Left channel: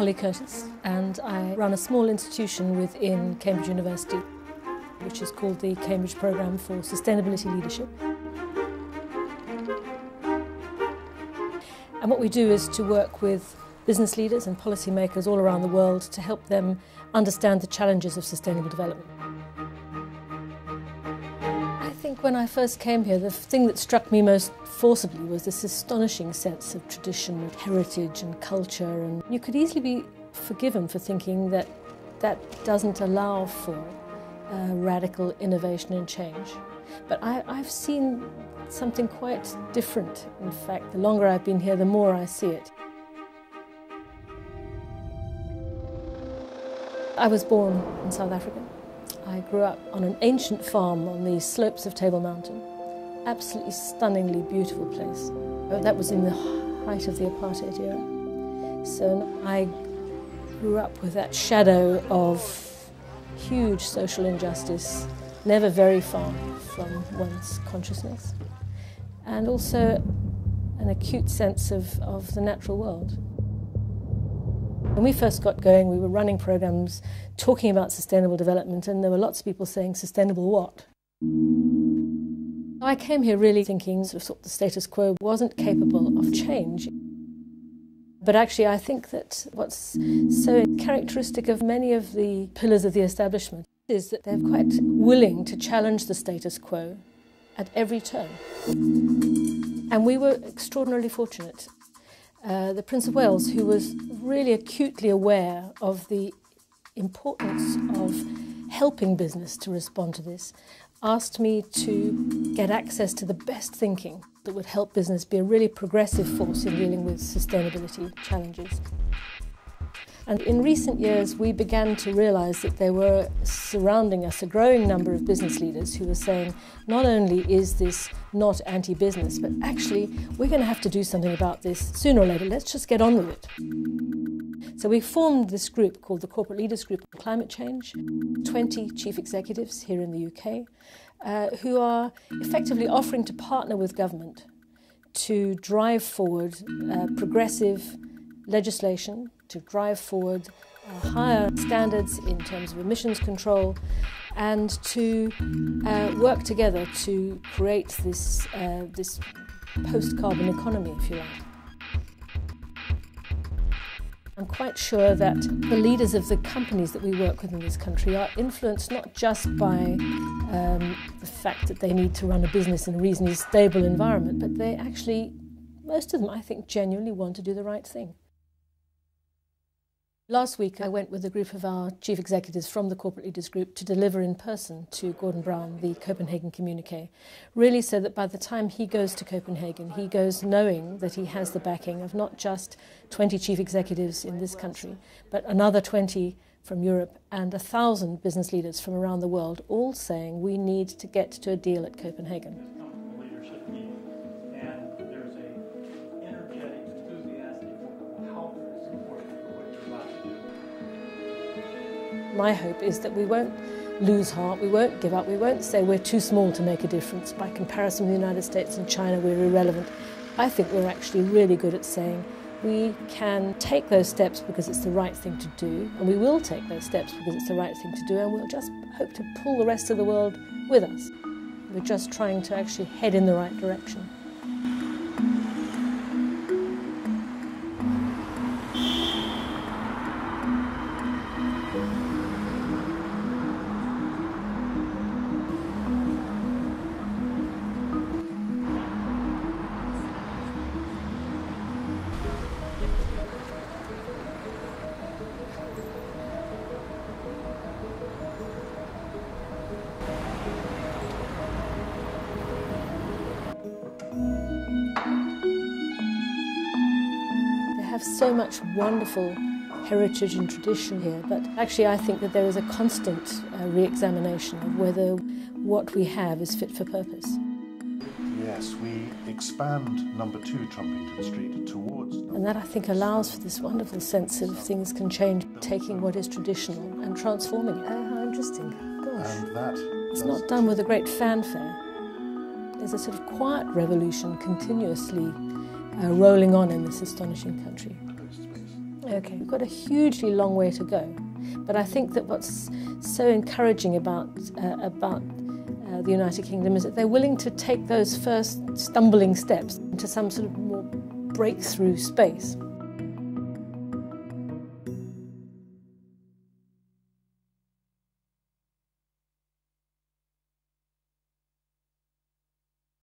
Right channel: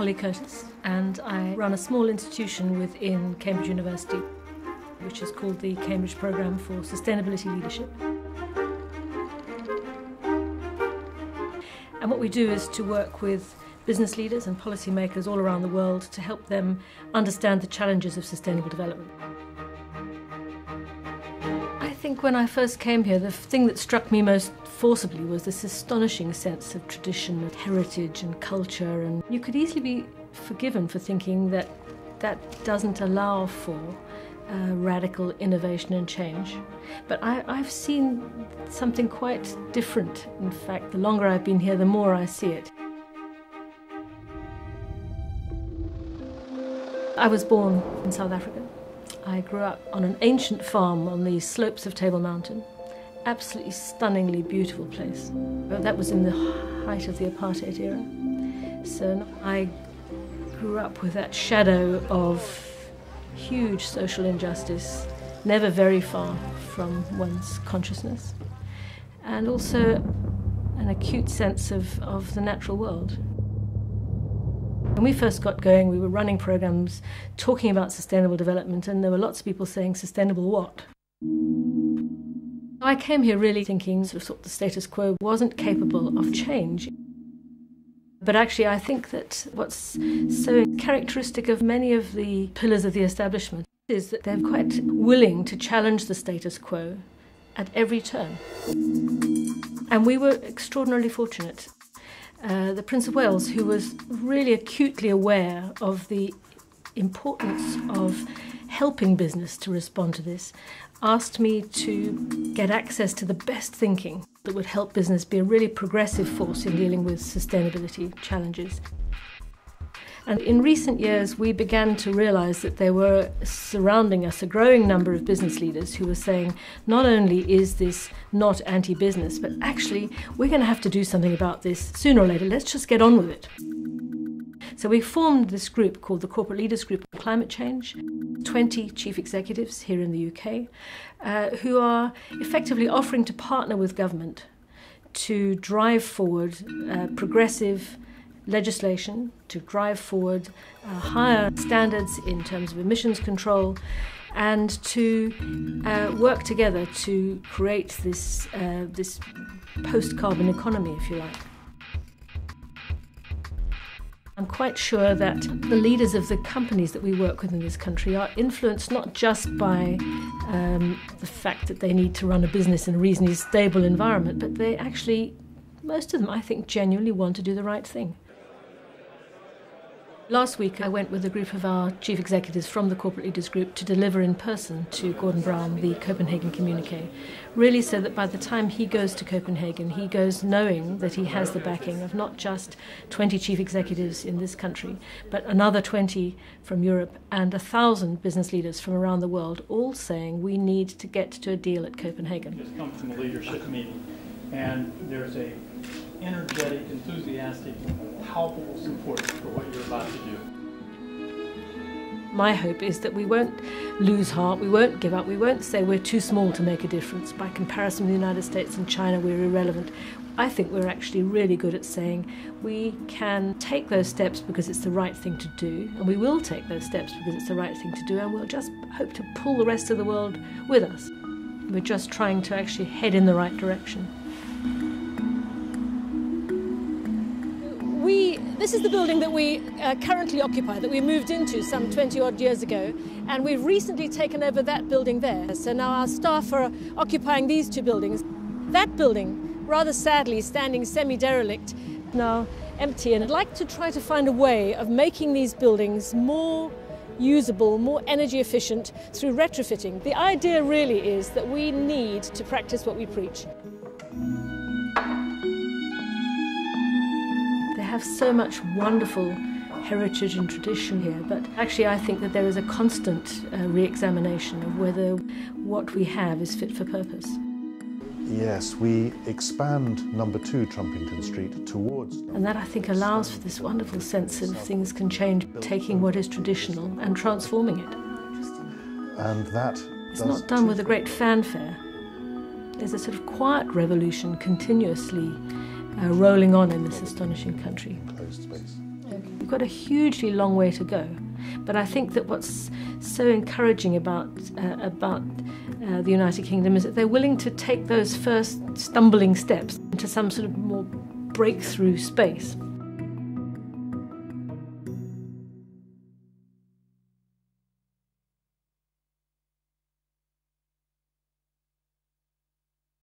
Polly Courtice, and I run a small institution within Cambridge University, which is called the Cambridge Programme for Sustainability Leadership. And what we do is to work with business leaders and policymakers all around the world to help them understand the challenges of sustainable development. I think when I first came here, the thing that struck me most forcibly was this astonishing sense of tradition, heritage and culture, and you could easily be forgiven for thinking that that doesn't allow for radical innovation and change. But I've seen something quite different. In fact, the longer I've been here, the more I see it. I was born in South Africa. I grew up on an ancient farm on the slopes of Table Mountain. Absolutely stunningly beautiful place. But that was in the height of the apartheid era. So I grew up with that shadow of huge social injustice, never very far from one's consciousness, and also an acute sense of the natural world. When we first got going, we were running programs talking about sustainable development, and there were lots of people saying, sustainable what? I came here really thinking the status quo wasn't capable of change. But actually, I think that what's so characteristic of many of the pillars of the establishment is that they're quite willing to challenge the status quo at every turn. And we were extraordinarily fortunate. The Prince of Wales, who was really acutely aware of the importance of helping business to respond to this, asked me to get access to the best thinking that would help business be a really progressive force in dealing with sustainability challenges. And in recent years, we began to realise that there were surrounding us a growing number of business leaders who were saying, not only is this not anti-business, but actually we're going to have to do something about this sooner or later. Let's just get on with it. So we formed this group called the Corporate Leaders Group on Climate Change, 20 chief executives here in the UK, who are effectively offering to partner with government to drive forward progressive legislation, to drive forward higher standards in terms of emissions control, and to work together to create this post-carbon economy, if you like. I'm quite sure that the leaders of the companies that we work with in this country are influenced not just by the fact that they need to run a business in a reasonably stable environment, but they actually, most of them, I think, genuinely want to do the right thing. Last week I went with a group of our chief executives from the Corporate Leaders Group to deliver in person to Gordon Brown the Copenhagen communique, really so that by the time he goes to Copenhagen, he goes knowing that he has the backing of not just 20 chief executives in this country, but another 20 from Europe and 1,000 business leaders from around the world, all saying we need to get to a deal at Copenhagen. Just come from a leadership meeting, and there's a energetic, enthusiastic, palpable support for what you're about to do. My hope is that we won't lose heart, we won't give up, we won't say we're too small to make a difference. By comparison with the United States and China, we're irrelevant. I think we're actually really good at saying we can take those steps because it's the right thing to do, and we will take those steps because it's the right thing to do, and we'll just hope to pull the rest of the world with us. We're just trying to actually head in the right direction. This is the building that we currently occupy, that we moved into some 20-odd years ago, and we've recently taken over that building there. So now our staff are occupying these two buildings. That building, rather sadly, standing semi-derelict, now empty, and I'd like to try to find a way of making these buildings more usable, more energy efficient through retrofitting. The idea really is that we need to practice what we preach. So much wonderful heritage and tradition here, but actually I think that there is a constant re-examination of whether what we have is fit for purpose. Yes, we expand number 2 Trumpington Street towards... And that I think allows for this wonderful sense of things can change, taking what is traditional and transforming it. How interesting. Gosh. And that it's not done with a great fanfare. There's a sort of quiet revolution continuously rolling on in this astonishing country. Okay. We've got a hugely long way to go. But I think that what's so encouraging about the United Kingdom is that they're willing to take those first stumbling steps into some sort of more breakthrough space.